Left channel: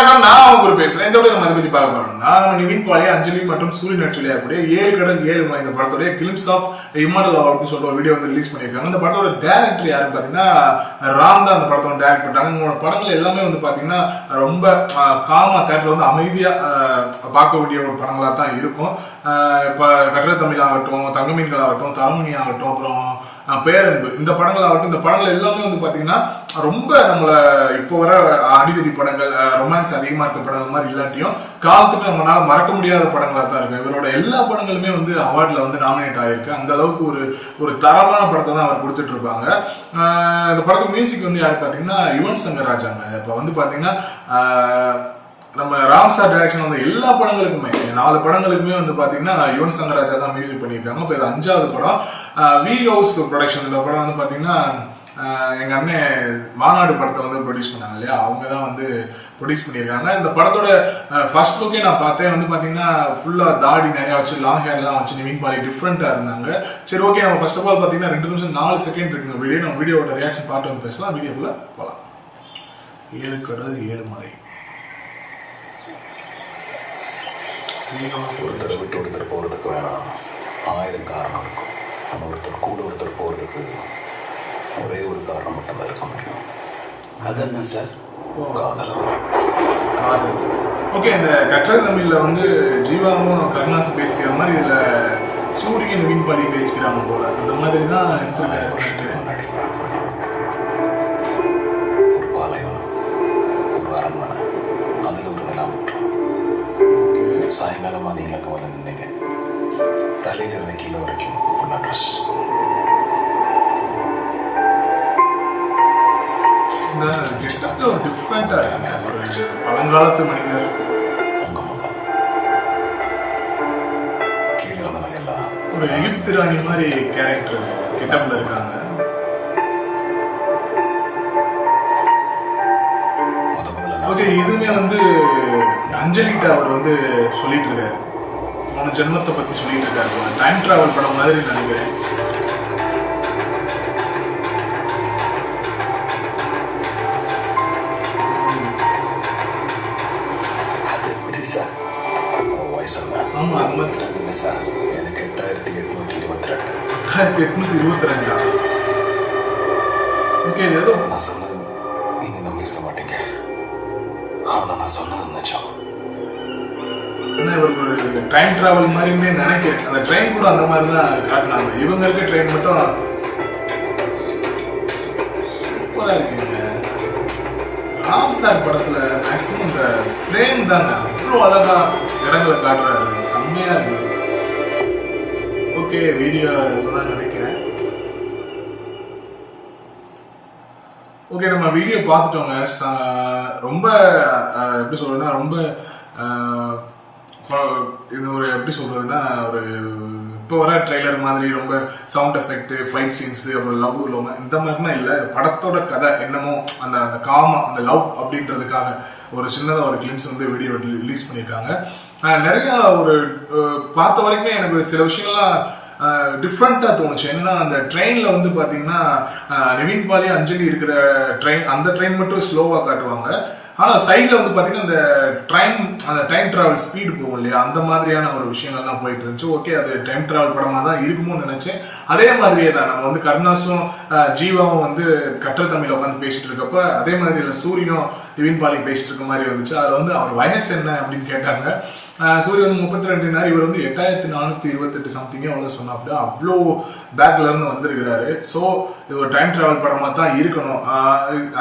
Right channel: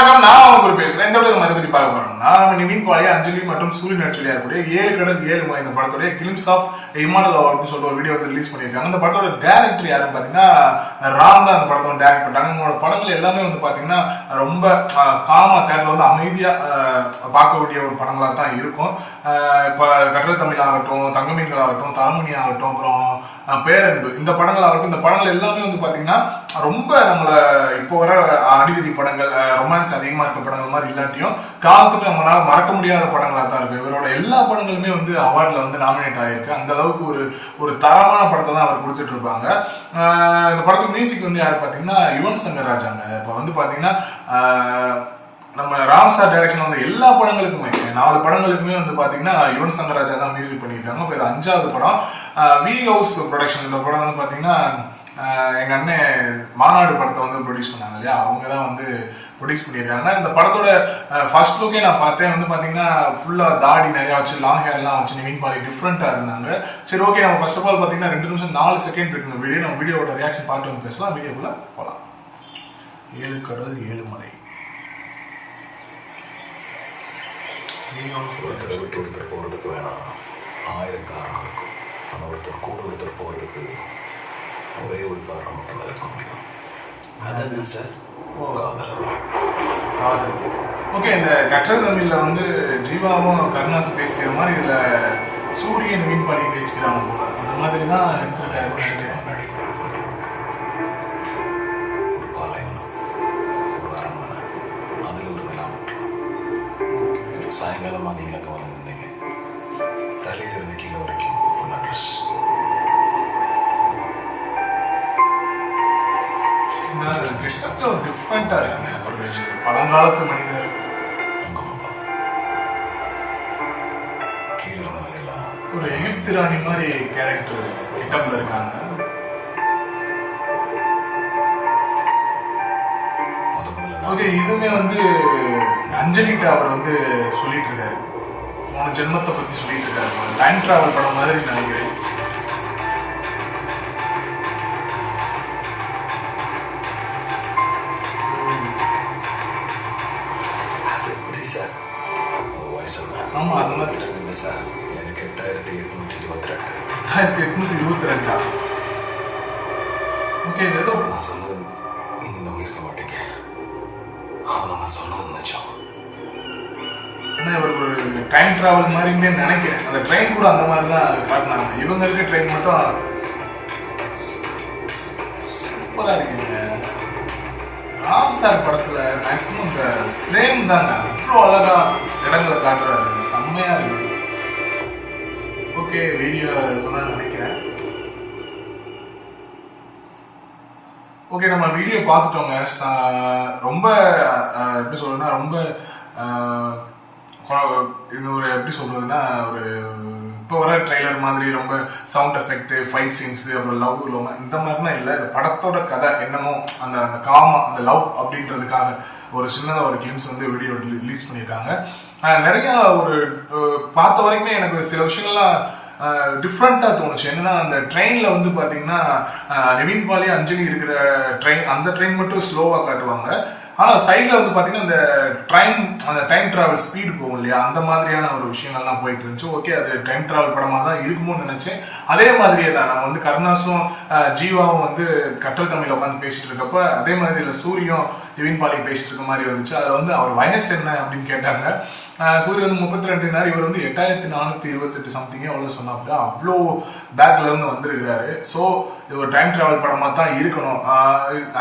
வணக்கம். நான் அவங்க பேசுறேன். இந்த வீடியோ நம்ம இதை பத்தி பார்க்க போறோம்னா, நம்ம நிவின் பாலி, அஞ்சலி மற்றும் சூரிய நடிச்சொல்லியா கூடிய 7 கடல் 7 மலை இந்த படத்தோட கிளிம்ஸ் ஆஃப் இம்மார்டல் அவார்டுன்னு சொல்லிட்டு ஒரு வீடியோ வந்து ரிலீஸ் பண்ணியிருக்காங்க. இந்த படத்தோட டைரக்டர் யாருன்னு பாத்தீங்கன்னா ராம் தான் அந்த படத்தை வந்து டைரக்ட் பண்றாங்க. உங்களோட படங்கள் எல்லாமே வந்து பாத்தீங்கன்னா ரொம்ப காமா தேட்டர்ல வந்து அமைதியா பார்க்கக்கூடிய ஒரு படங்களா தான் இருக்கும். இப்ப கற்ற தமிழ் ஆகட்டும், தங்கமீன்கள் ஆகட்டும், தரமணி ஆகட்டும், அப்புறம் பேரன்பு, இந்த படங்கள் ஆகட்டும், இந்த படங்கள் எல்லாமே வந்து பாத்தீங்கன்னா ரொம்ப நம்மள இப்போ வர அடிதடி படங்கள், ரொமான்ஸ் அதிகமா இருக்க படங்கள் மாதிரி இல்லாட்டியும் காலத்துக்கு நம்மளால மறக்க முடியாத படங்களா தான் இருக்கு. இவரோட எல்லா படங்களுமே வந்து அவார்ட்ல வந்து நாமினேட் ஆயிருக்கு. அந்த அளவுக்கு ஒரு தரமான படத்தை தான் அவர் கொடுத்துட்டு இருப்பாங்க. இந்த படத்துக்கு மியூசிக் வந்து யாரு பாத்தீங்கன்னா யுவன் சங்கர் ராஜாங்க. இப்ப வந்து பாத்தீங்கன்னா நம்ம ராம் சார் டைரக்ஷன் வந்து எல்லா படங்களுக்குமே 4 படங்களுக்குமே வந்து பாத்தீங்கன்னா யுவன் சங்கர் ராஜா தான் மியூசிக் பண்ணியிருக்காங்க. இப்போ இது 5வது படம். V house production. இந்த படம் வந்து பாத்தீங்கன்னா எங்க அண்ணன் மாநாடு படத்தை வந்து ப்ரொடியூஸ் பண்ணாங்க இல்லையா, அவங்க தான் வந்து ப்ரொடியூஸ் பண்ணியிருக்காங்க. இந்த படத்தோட ஃபர்ஸ்ட் லுக்கே நான் பார்த்தேன். வந்து பாத்தீங்கன்னா ஃபுல்லா தாடி நிறைய வச்சு, லாங் ஹேர்லாம் வச்சு நிவின் பாலி டிஃப்ரெண்டா இருந்தாங்க. சரி, ஓகே, நம்ம ஃபர்ஸ்ட் ஆஃப் ஆல் பாத்தீங்கன்னா 2 நிமிஷம் 4 செகண்ட் இருக்குங்க வீடியோ. நம்ம வீடியோட ரியாக்ஷன் பார்த்து வந்து பேசலாம். வீடியோக்குள்ள போகலாம். 7 கடல் 7 மலை. ஒருத்தரை விட்டு ஒருத்தர் போகிறதுக்கு வேணாம் 1000 காரணம் இருக்கும். நம்ம ஒருத்தர் கூட ஒருத்தர் போகிறதுக்கு ஒரே ஒரு காரணம் மட்டும்தான் இருக்க முடியும். அதான் சார் காதல். ஓகே, இந்த கற்ற தமிழ்ல வந்து ஜீவாவும் கருணாசும் பேசிக்கிற மாதிரி இதுல சூரியன் நிவின் பாலி பேசிக்கிறாங்க போல. அந்த மாதிரி தான் எடுத்துருக்காரு. ஒரு பாலைவனம், ஒரு அரண்மனை, அதில் ஒரு நிலாமுற்றம். சாயங்காலமாக நீங்கள் அங்கே வந்து நின்னீங்க. தலையில் இருந்து கீழே வரைக்கும் ஃபுல் அட்ரஸ். ஒரு டிஃப்ரெண்டா இருக்குங்க. ஒரு பழங்காலத்து மனிதர். உங்கள் அம்மா கீழே இருந்தவங்க எல்லாம் ஒரு எகிப்து ராணி மாதிரி கேரக்டர் கெட்டப்ல இருக்காங்க. ஓகே, இதுவுமே வந்து அஞ்சலிட்ட அவர் வந்து சொல்லிட்டு இருக்காரு. 3 ஜென்மத்தை பத்தி சொல்லிட்டு இருக்காரு. டைம் டிராவல் படம் மாதிரி நினைக்கிறேன். சார் வயசு ஆமா, அது மாதிரி சார். எனக்கு 8822. 8822. ஓகே, இது ஏதோ நான் சொன்னது நீங்கள் நம்பியிருக்க மாட்டீங்க. ஆனால் நான் சொன்னது நிஜம். ஏன்னா இவர் ஒரு டைம் டிராவல் மாதிரின்னு நினைக்கிறேன். அந்த ட்ரெயின் கூட அந்த மாதிரி தான் காட்டினாங்க. இவங்க இருக்க ட்ரெயின் மட்டும் சூப்பரா இருக்குங்க. ராம் சார் படத்துல மேக்சிமம் இந்த ஃப்ரேம் தாங்க அவ்வளோ அழகா இடங்களை காட்டுறாரு. செம்மையா இருக்கு. ஓகே, வீடியோ தான் நினைக்கிறேன். ஓகே, நம்ம வீடியோ பார்த்துட்டோங்க. ரொம்ப எப்படி சொல்றதுன்னா ரொம்ப இது ஒரு எப்படி சொல்றதுன்னா ஒரு இப்போ வர ட்ரெய்லர் மாதிரி ரொம்ப சவுண்ட் எஃபெக்ட், ஃபைட் சீன்ஸ், அப்புறம் லவ் இந்த மாதிரிலாம் இல்லை. படத்தோட கதை என்னமோ அந்த அந்த காமா அந்த லவ் அப்படின்றதுக்காக ஒரு சின்னதாக ஒரு கிளிம்ஸ் வந்து வீடியோ ரிலீஸ் பண்ணியிருக்காங்க. நிறைய ஒரு பார்த்த வரைக்குமே எனக்கு சில விஷயங்கள்லாம் டிஃப்ரெண்டா தோணுச்சு. என்னன்னா அந்த ட்ரெயின்ல வந்து பாத்தீங்கன்னா நிவின் பாலி, அஞ்சலி இருக்கிற ட்ரெயின், அந்த ட்ரெயின் மட்டும் ஸ்லோவா காட்டுவாங்க. ஆனா சைட்ல வந்து பாத்தீங்கன்னா அந்த டைம் டிராவல் ஸ்பீடு போகும் இல்லையா, அந்த மாதிரியான ஒரு விஷயங்கள்லாம் போயிட்டு இருந்துச்சு. ஓகே, அது டைம் டிராவல் படமா தான் இருக்குமோன்னு நினைச்சேன். அதே மாதிரியே தான் நம்ம வந்து கருணாசும் ஜீவாவும் வந்து கற்ற தமிழ் உட்காந்து பேசிட்டு இருக்கப்ப அதே மாதிரி இல்லை சூரியும் நிவின் பாலி பேசிட்டு இருக்க மாதிரி வந்துச்சு. அதுல வந்து அவர் வயசு என்ன அப்படின்னு கேட்டாங்க. சூரிய வந்து 32, இவர் வந்து 8428 சம்திங்கே அவ்வளோ சொன்னாப்ல. அவ்வளோ பேக்ல இருந்து வந்திருக்கிறாரு. ஸோ இது ஒரு டைம் டிராவல் படமா தான் இருக்கணும்.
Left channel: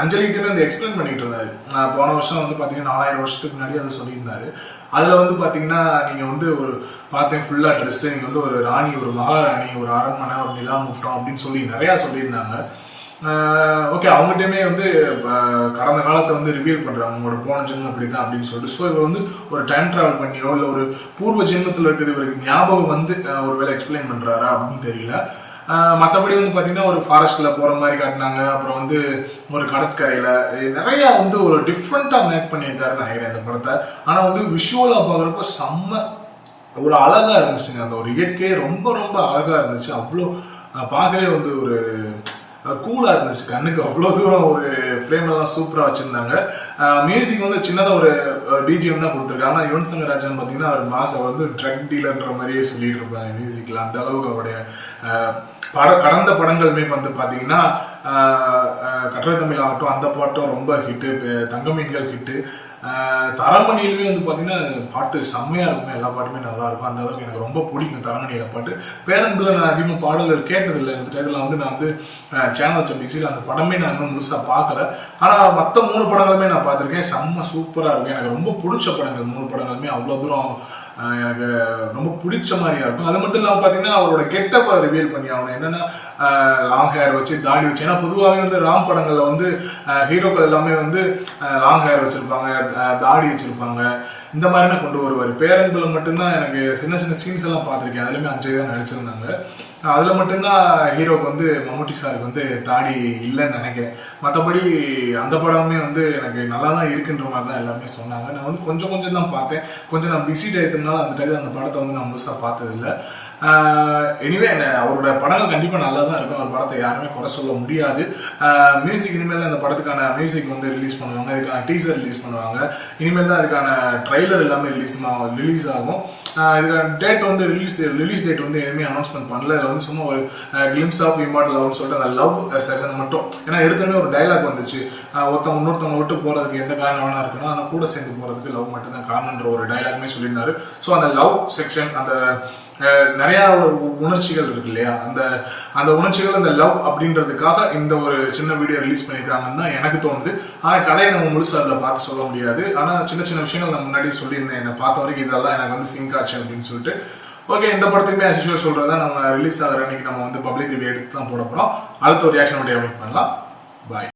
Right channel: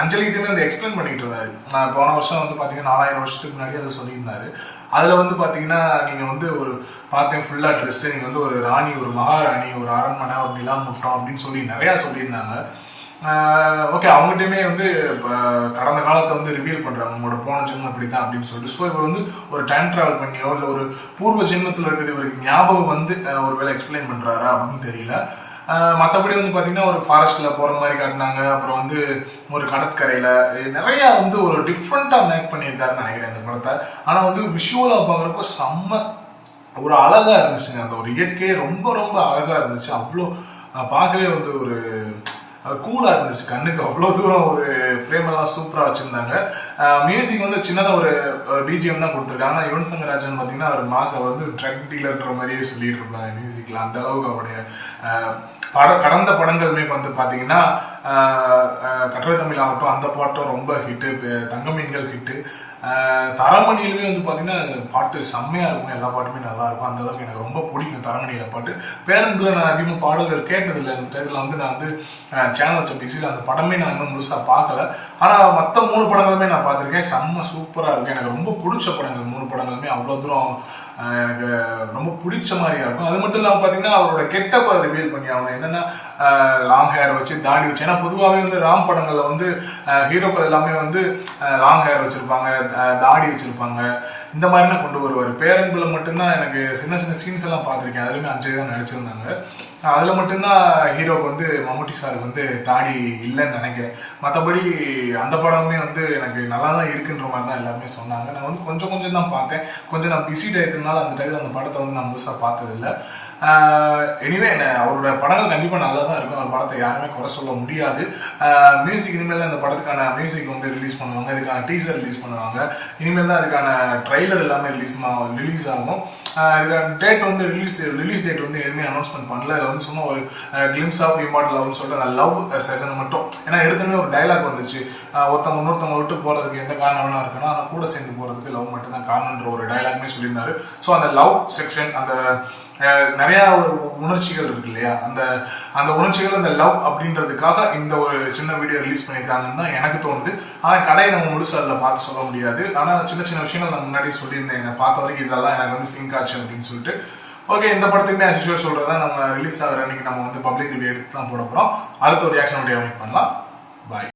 அஞ்சலிகிட்டே வந்து எக்ஸ்பிளைன் பண்ணிட்டு இருந்தாரு. போன வருஷம் வந்து பாத்தீங்கன்னா 4000 வருஷத்துக்கு முன்னாடி அதை சொல்லியிருந்தாரு. அதுல வந்து பாத்தீங்கன்னா நீங்க வந்து ஒரு பார்த்தேன் ஃபுல்லா ட்ரெஸ், நீங்க வந்து ஒரு ராணி, ஒரு மகாராணி, ஒரு அரண்மனை அப்படிலாம் முட்டோம் அப்படின்னு சொல்லி நிறைய சொல்லியிருந்தாங்க. ஓகே, அவங்ககிட்டயுமே வந்து கடந்த காலத்தை வந்து ரிவீல் பண்றாங்க, உங்களோட போன ஜென்மம் அப்படித்தான் அப்படின்னு சொல்லிட்டு. ஸோ இவர் வந்து ஒரு டைம் டிராவல் பண்ணியோ இல்லை ஒரு பூர்வ ஜென்மத்தில் இருக்கிறது இவருக்கு ஞாபகம் வந்து ஒரு வேளை எக்ஸ்பிளைன் பண்றாரா அப்படின்னு தெரியல. மற்றபடி வந்து பார்த்தீங்கன்னா ஒரு ஃபாரஸ்ட்ல போற மாதிரி காட்டினாங்க. அப்புறம் வந்து ஒரு கடற்கரையில நிறைய வந்து ஒரு டிஃப்ரெண்டா மேக் பண்ணியிருக்காருன்னு நினைக்கிறேன் இந்த படத்தை. ஆனா வந்து விஷுவலா பார்க்குறப்போ செம்ம ஒரு அழகா இருந்துச்சுங்க. அந்த ஒரு இயற்கையே ரொம்ப ரொம்ப அழகா இருந்துச்சு. அவ்வளோ பார்க்கவே வந்து ஒரு கூலாக இருந்துச்சு கண்ணுக்கு. அவ்வளோ தூரம் ஒரு ஃப்ரேம் எல்லாம் சூப்பராக வச்சுருந்தாங்க. மியூசிக் வந்து சின்னதாக ஒரு பிஜிஎம் தான் கொடுத்துருக்காங்க. ஆனால் யுவன் சங்கர் ராஜன் பார்த்தீங்கன்னா அவர் மாதம் வந்து ட்ரக் டீலர்ன்ற மாதிரியே சொல்லிட்டு இருப்பாங்க மியூசிக்கில். அந்த அளவுக்கு அவருடைய கடந்த படங்களுமே வந்து பார்த்தீங்கன்னா கட்டளை தமிழ் ஆகட்டும், அந்த பாட்டும் ரொம்ப ஹிட்டு, தங்க மீன்கள் ஹிட்டு. தரமணியிலுமே வந்து பார்த்தீங்கன்னா பாட்டு செம்மையாக இருக்கும், எல்லா பாட்டுமே நல்லா இருக்கும். அந்த அளவுக்கு எனக்கு ரொம்ப பிடிக்கும் தரமணியில் பாட்டு. பேரன்பில் நான் அதிகமாக பாடல்கள் கேட்டதில்லை. அந்த டயத்தில் வந்து நான் வந்து சேனல் வச்ச பிஸியில் அந்த படமே நான் இன்னும் முழுசாக பார்க்கல. ஆனால் மற்ற 3 படங்களுமே நான் பார்த்துருக்கேன். செம்ம சூப்பராக இருக்கும். எனக்கு ரொம்ப பிடிச்ச படங்கள் 3 படங்களுமே அவ்வளோ தூரம் எனக்கு ரொம்ப பிடிச்ச மாதிரியா இருக்கும். அது மட்டும் இல்லாமல் பார்த்தீங்கன்னா அவரோட கெட்டப்பை ரிவீல் பண்ணி அவனை என்னென்னா லாங் ஹேர் வச்சு தாடி வச்சு, ஏன்னா பொதுவாகவே வந்து ராம் படங்களில் வந்து ஹீரோக்கள் எல்லாமே வந்து லாங் ஹேர் வச்சுருப்பாங்க, தாடி வச்சுருப்பாங்க, இந்த மாதிரினா கொண்டு வருவார். பேரன்பில் மட்டும்தான் எனக்கு சின்ன சின்ன சீன்ஸ் எல்லாம் பார்த்துருக்கேன். அதுலேயுமே 5 தான் நடிச்சிருந்தாங்க. அதில் மட்டும்தான் ஹீரோவுக்கு வந்து மம்முட்டி சாருக்கு வந்து தாடி இல்லைன்னு நினைக்கிறேன். மற்றபடி அந்த படமுமே வந்து எனக்கு நல்லா தான் இருக்குன்ற மாதிரி தான் எல்லாருமே சொன்னாங்க. நான் வந்து கொஞ்சம் தான் பார்த்தேன். கொஞ்சம் நான் பிஸி டயத்துனால அந்த டயத்தில் அந்த படத்தை வந்து நான் முழுசாக பார்த்ததில்லை. எனிவே அவரோட படங்கள் கண்டிப்பாக நல்லா தான் இருக்கும். அந்த படத்தை யாருமே குறை சொல்ல முடியாது. மியூசிக் இனிமேல் தான் இந்த படத்துக்கான மியூசிக் வந்து ரிலீஸ் பண்ணுவாங்க, இதுக்கான டீசர் ரிலீஸ் பண்ணுவாங்க. இனிமேல் தான் அதுக்கான ட்ரைலர் எல்லாமே ரிலீஸ் ஆகும். இதுக்கான டேட் வந்து ரிலீஸ் டேட் வந்து எதுவுமே அனௌன்ஸ்மெண்ட் பண்ணல. இதில் வந்து சும்மா ஒரு கிளிம்ஸ் ஆஃப் இம்மார்டல் லவ்னு சொல்லிட்டு அந்த லவ் செஷன் மட்டும், ஏன்னா எடுத்தோடனே ஒரு டைலாக் வந்துச்சு, ஒருத்தவங்க இன்னொருத்தவங்க விட்டு போகிறதுக்கு எந்த காரணம் வேணா இருக்குன்னா ஆனால் கூட சேர்ந்து போகிறதுக்கு லவ் மட்டும் தான் காரணன்ற ஒரு டைலாக்மே சொல்லியிருந்தாரு. ஸோ அந்த லவ் செக்ஷன், அந்த நிறைய ஒரு உணர்ச்சிகள் இருக்கு இல்லையா, அந்த உணர்ச்சிகள் இந்த லவ் அப்படின்றதுக்காக இந்த ஒரு சின்ன வீடியோ ரிலீஸ் பண்ணியிருக்காங்கன்னு தான் எனக்கு தோணுது. ஆனால் கதையை நம்ம முழுசு அதில் பார்த்து சொல்ல முடியாது. ஆனால் சின்ன சின்ன விஷயங்கள் நான் முன்னாடி சொல்லியிருந்தேன், என்னை பார்த்த வரைக்கும் இதெல்லாம் எனக்கு வந்து சிங்க் ஆச்சு அப்படின்னு சொல்லிட்டு. ஓகே, இந்த படத்துக்குமே as usual சொல்றதா நம்ம ரிலீஸ் ஆகிற அன்னைக்கு நம்ம வந்து பப்ளிக் ரிவ்யூ எடுத்து தான் போட போகிறோம். அடுத்த ஒரு ரியாக்ஷன் வீடியோ மீட் பண்ணலாம். பாய்.